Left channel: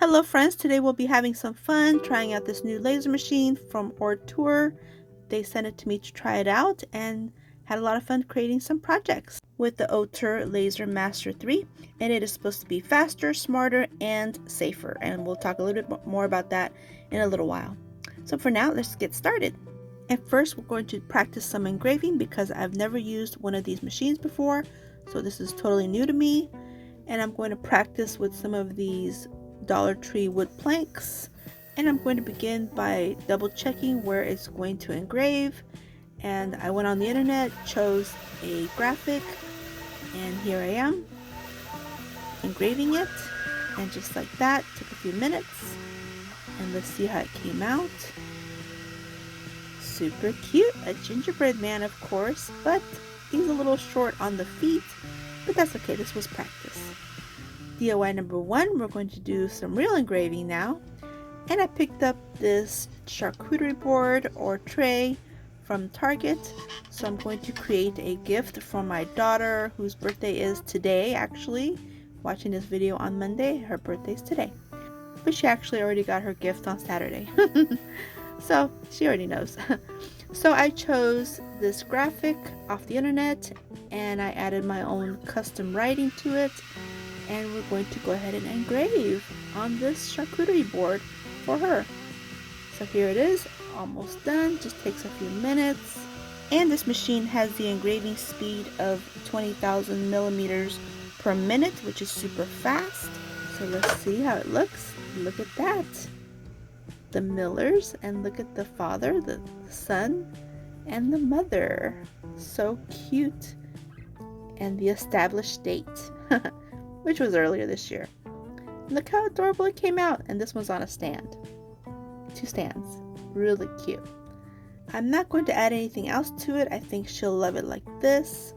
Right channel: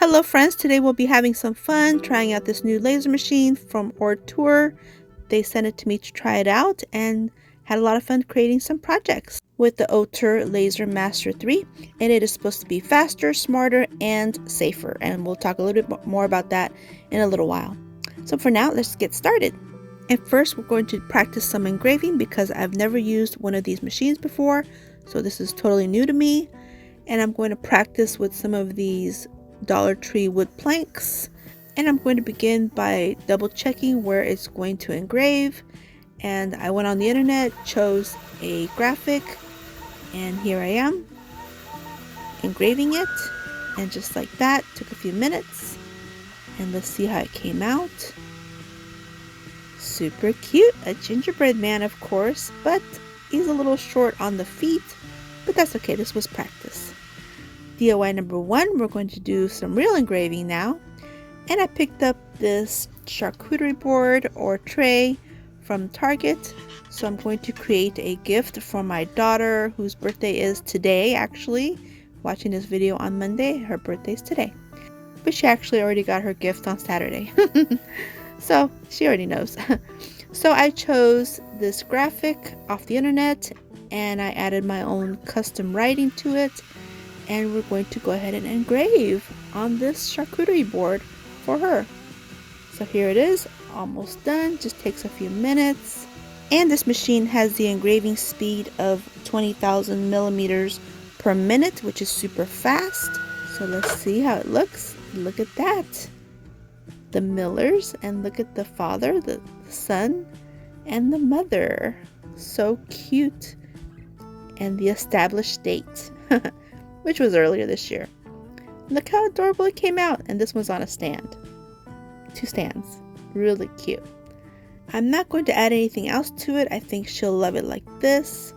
Hello friends, today we'll be having some fun trying out this new laser machine from Ortur. They sent it to me to try it out and had a lot of fun creating some projects with the Ortur Laser Master 3, and it is supposed to be faster, smarter, and safer, and we'll talk a little bit more about that in a little while. So for now, let's get started. And first we're going to practice some engraving because I've never used one of these machines before, so this is totally new to me, and I'm going to practice with some of these Dollar Tree wood planks, and I'm going to begin by double checking where it's going to engrave. And I went on the internet, chose a graphic, and here I am engraving it, and just like that, took a few minutes, and let's see how it came out. Super cute, a gingerbread man of course, but he's a little short on the feet, but that's okay, this was practice. DIY number 1, we're going to do some real engraving now, and I picked up this charcuterie board or tray from Target. So I'm going to create a gift for my daughter, whose birthday is today. Actually, watching this video on Monday, her birthday's today, but she actually already got her gift on Saturday. So she already knows. So I chose this graphic off the internet, and I added my own custom writing to it. And we're going to go ahead and engrave on this charcuterie board for her. So here it is, almost done, just takes a few minutes. And this machine has the engraving speed of 20,000 millimeters per minute, which is super fast. So let's see how it looks. Look at that. The Millers, and look at the father, the son, and the mother. So cute. And the established date. Which was earlier this year. Look how adorable it came out, and this one's on a stand. 2 stands. Really cute. I'm not going to add anything else to it. I think she'll love it like this.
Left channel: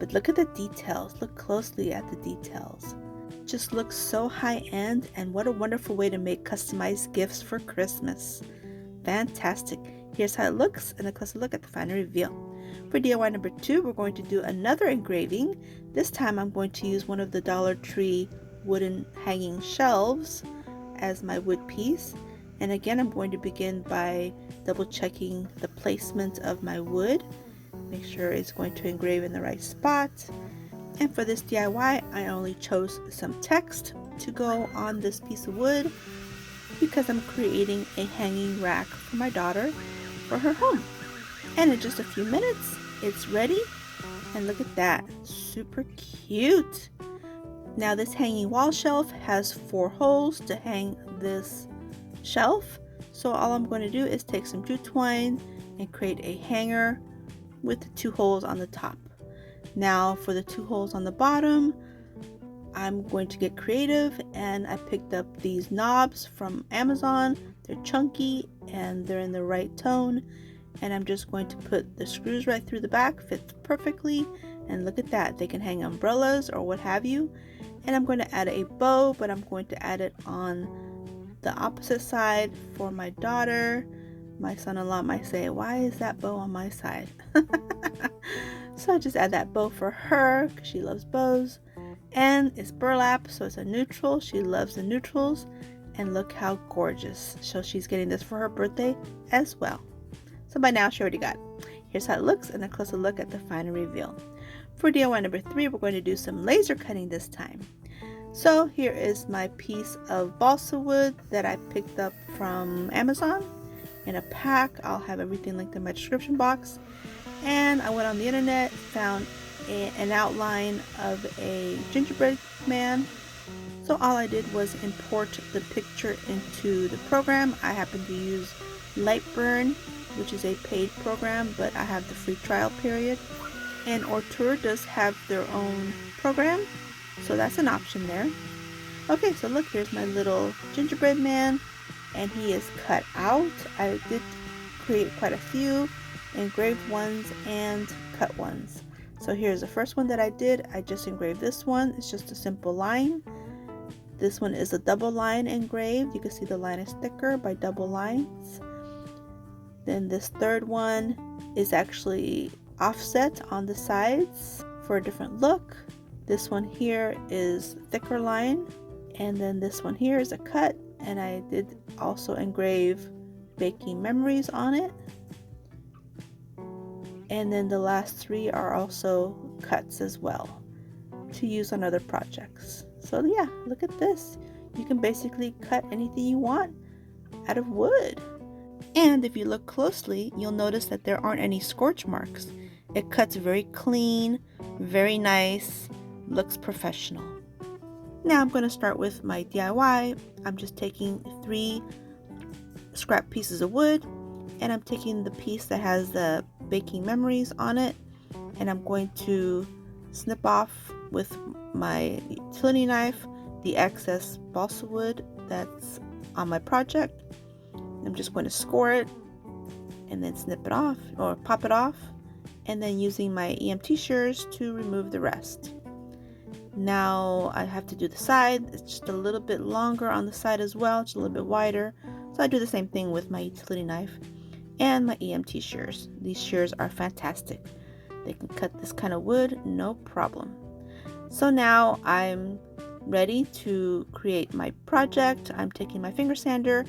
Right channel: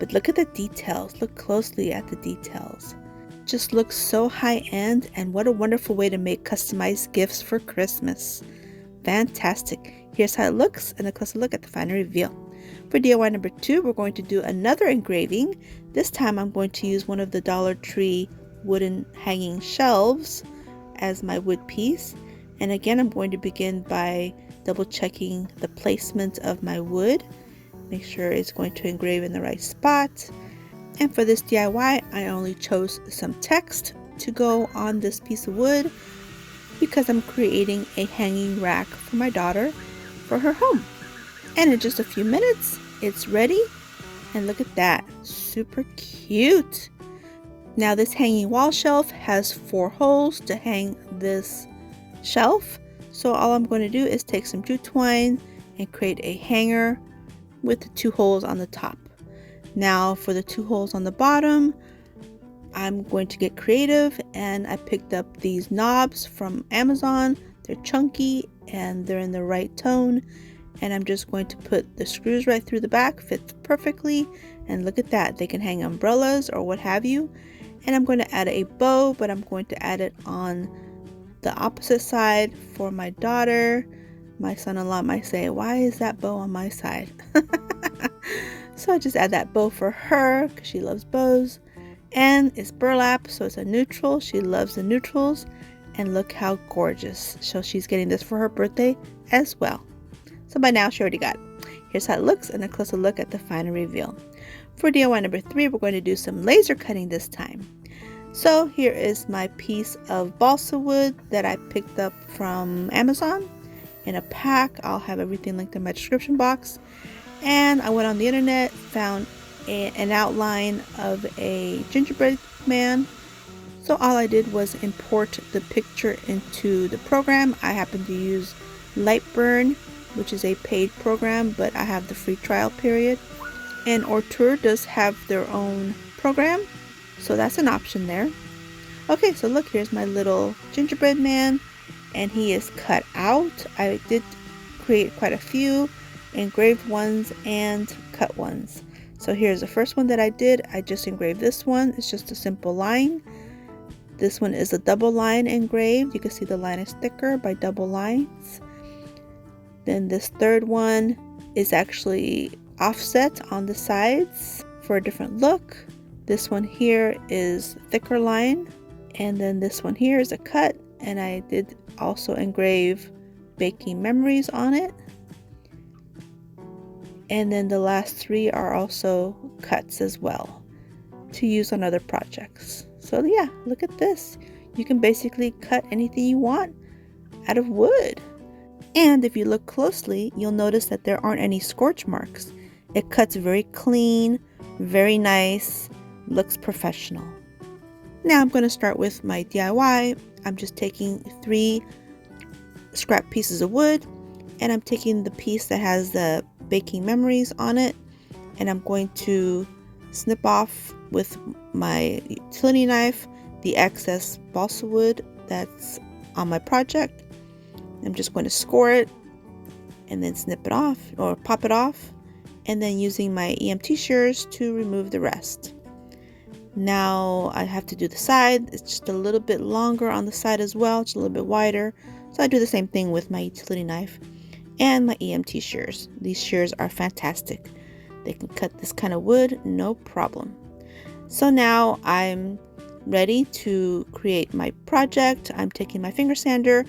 But look at the details. Look closely at the details. Just looks so high-end, and what a wonderful way to make customized gifts for Christmas. Fantastic. Here's how it looks, and a closer look at the final reveal. For DIY number 2, we're going to do another engraving. This time I'm going to use one of the Dollar Tree wooden hanging shelves as my wood piece. And again, I'm going to begin by double checking the placement of my wood. Make sure it's going to engrave in the right spot. And for this DIY, I only chose some text to go on this piece of wood because I'm creating a hanging rack for my daughter for her home. And in just a few minutes, it's ready. And look at that, super cute. Now this hanging wall shelf has 4 holes to hang this shelf. So all I'm going to do is take some jute twine and create a hanger with the 2 holes on the top. Now for the 2 holes on the bottom, I'm going to get creative, and I picked up these knobs from Amazon. They're chunky and they're in the right tone. And I'm just going to put the screws right through the back, fits perfectly, and look at that, they can hang umbrellas or what have you. And I'm going to add a bow, but I'm going to add it on the opposite side for my daughter. My son-in-law might say, why is that bow on my side? So I just add that bow for her because she loves bows, and it's burlap, so it's a neutral. She loves the neutrals, and look how gorgeous. So she's getting this for her birthday as well. So by now she already got it. Here's how it looks, and a closer look at the final reveal. For DIY number 3, we're going to do some laser cutting this time. So here is my piece of balsa wood that I picked up from Amazon in a pack. I'll have everything linked in my description box. And I went on the internet, found an outline of a gingerbread man. So all I did was import the picture into the program. I happen to use Lightburn, which is a paid program, but I have the free trial period. And Ortur does have their own program, so that's an option there. Okay, so look, here's my little gingerbread man, and he is cut out. I did create quite a few engraved ones and cut ones. So here's the first one that I did. I just engraved this one. It's just a simple line. This one is a double line engraved. You can see the line is thicker by double lines. Then this third one is actually offset on the sides for a different look. This one here is thicker line And then this one here is a cut, and I did also engrave baking memories on it. And then the last 3 are also cuts as well to use on other projects. So yeah, look at this. You can basically cut anything you want out of wood. And if you look closely, you'll notice that there aren't any scorch marks. It cuts very clean, very nice, looks professional. Now I'm going to start with my DIY. I'm just taking 3 scrap pieces of wood, and I'm taking the piece that has the baking memories on it, and I'm going to snip off with my utility knife the excess balsa wood that's on my project. I'm just going to score it and then snip it off or pop it off, and then using my EMT shears to remove the rest. Now I have to do the side. It's just a little bit longer on the side as well, just a little bit wider. So I do the same thing with my utility knife and my EMT shears. These shears are fantastic. They can cut this kind of wood, no problem. So now I'm ready to create my project. I'm taking my finger sander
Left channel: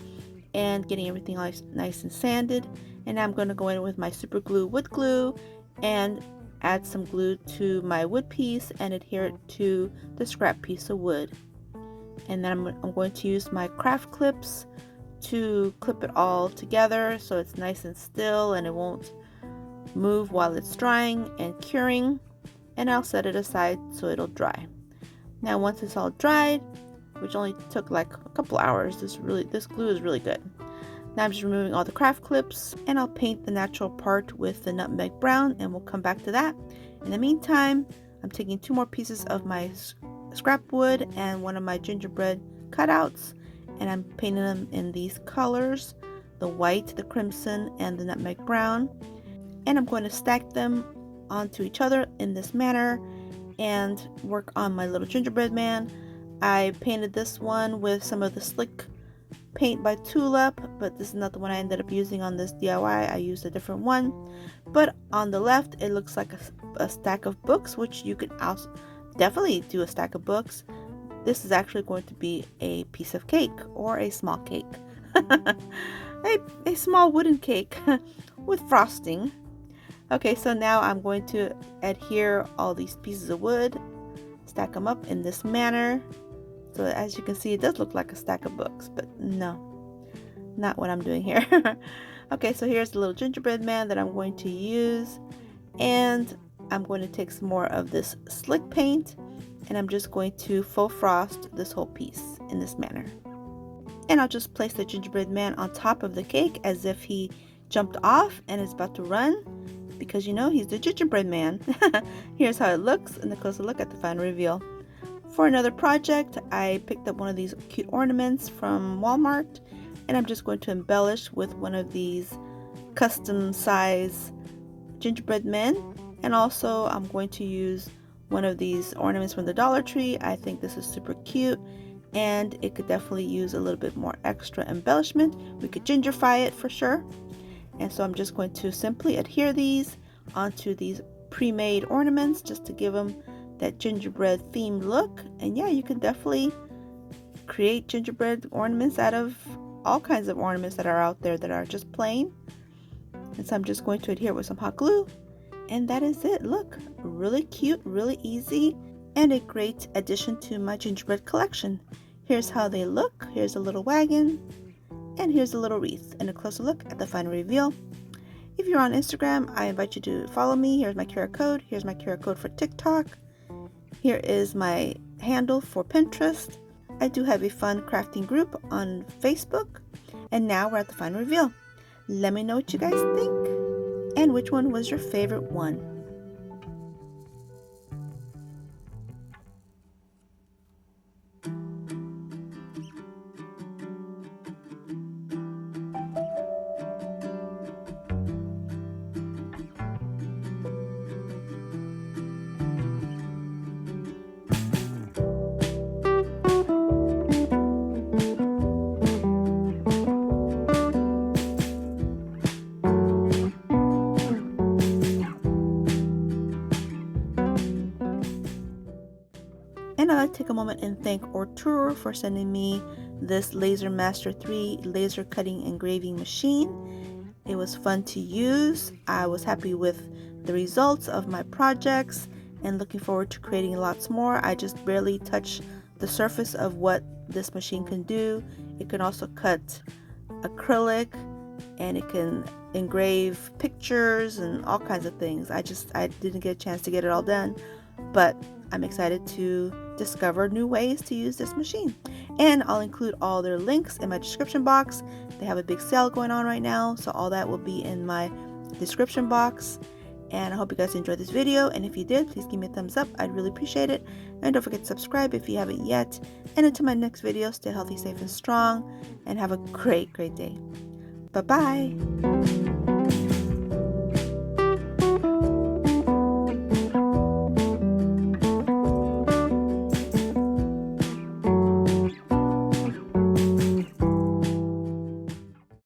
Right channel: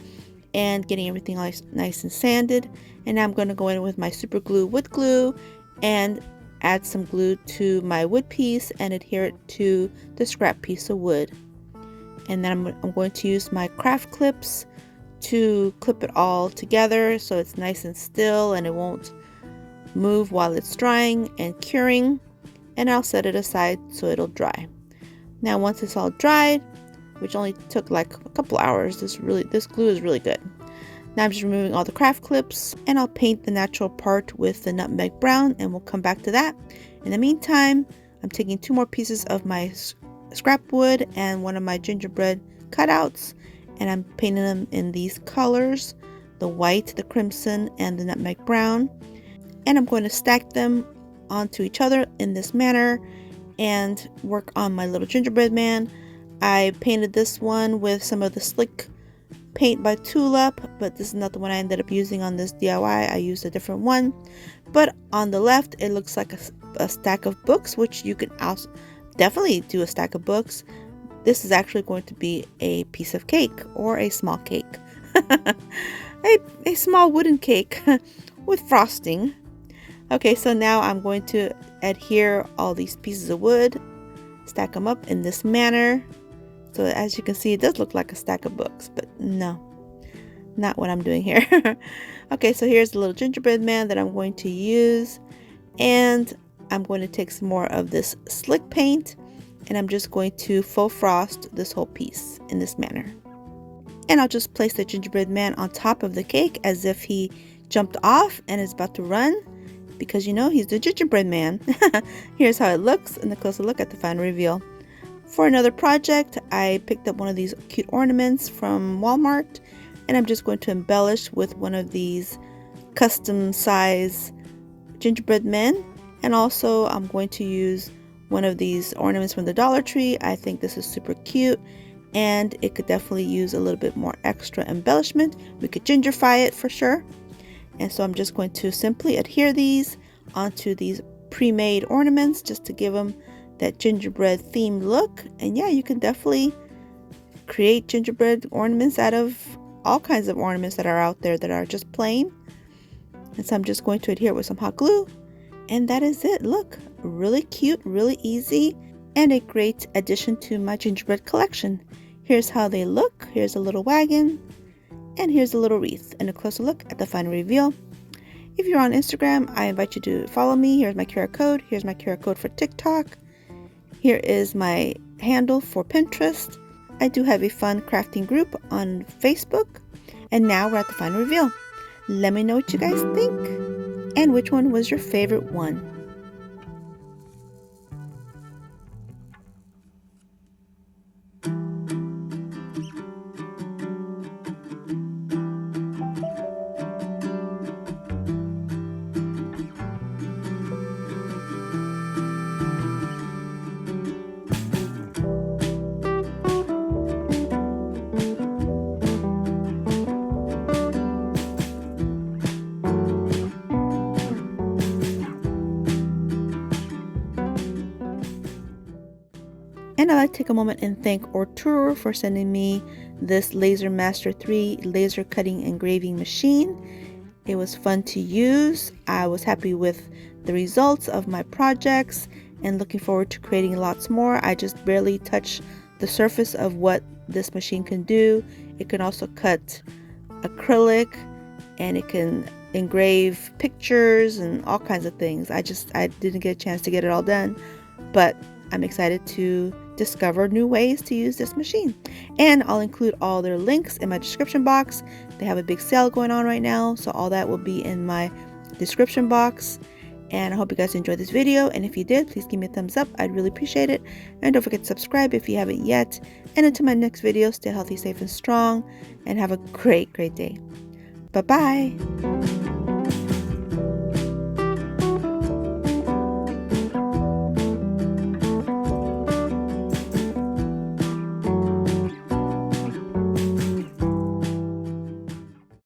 and getting everything nice and sanded. And now I'm going to go in with my super glue wood glue and add some glue to my wood piece and adhere it to the scrap piece of wood. And then I'm going to use my craft clips to clip it all together so it's nice and still and it won't move while it's drying and curing. And I'll set it aside so it'll dry. Now once it's all dried, which only took like a couple hours, this glue is really good. Now I'm just removing all the craft clips, and I'll paint the natural part with the nutmeg brown, and we'll come back to that. In the meantime, I'm taking 2 more pieces of my scrap wood and one of my gingerbread cutouts, and I'm painting them in these colors, the white, the crimson, and the nutmeg brown. And I'm going to stack them onto each other in this manner and work on my little gingerbread man. I painted this one with some of the slick paint by Tulip, but this is not the one I ended up using on this DIY. I used a different one. But on the left, it looks like a stack of books, which you could also definitely do a stack of books. This is actually going to be a piece of cake or a small cake. a small wooden cake with frosting. Okay, so now I'm going to adhere all these pieces of wood, stack them up in this manner. So as you can see, it does look like a stack of books, but no, not what I'm doing here. Okay, so here's the little gingerbread man that I'm going to use, and I'm going to take some more of this slick paint, and I'm just going to faux frost this whole piece in this manner. And I'll just place the gingerbread man on top of the cake as if he jumped off and is about to run, because you know he's the gingerbread man. Here's how it looks, and a closer look at the final reveal. For another project, I picked up one of these cute ornaments from Walmart, and I'm just going to embellish with one of these custom size gingerbread men. And also I'm going to use one of these ornaments from the Dollar Tree. I think this is super cute, and it could definitely use a little bit more extra embellishment. We could gingerfy it for sure. And so I'm just going to simply adhere these onto these pre-made ornaments just to give them that gingerbread themed look. And yeah, you can definitely create gingerbread ornaments out of all kinds of ornaments that are out there that are just plain. And so I'm just going to adhere with some hot glue, and that is it. Look, really cute, really easy, and a great addition to my gingerbread collection. Here's how they look. Here's a little wagon, and here's a little wreath, and a closer look at the final reveal. If you're on Instagram, I invite you to follow me. Here's my QR code. Here's my QR code for TikTok. Here is my handle for Pinterest. I do have a fun crafting group on Facebook. And now we're at the final reveal. Let me know what you guys think and which one was your favorite one. to take a moment and thank Ortur for sending me this LaserMaster 3 laser cutting engraving machine. It was fun to use. I was happy with the results of my projects and looking forward to creating lots more. I just barely touched the surface of what this machine can do. It can also cut acrylic, and it can engrave pictures and all kinds of things. I didn't get a chance to get it all done, but I'm excited to discover new ways to use this machine. And I'll include all their links in my description box. They have a big sale going on right now, so all that will be in my description box. And I hope you guys enjoyed this video, and if you did, please give me a thumbs up. I'd really appreciate it. And don't forget to subscribe if you haven't yet. And until my next video, stay healthy, safe, and strong, and have a great day. Bye-bye.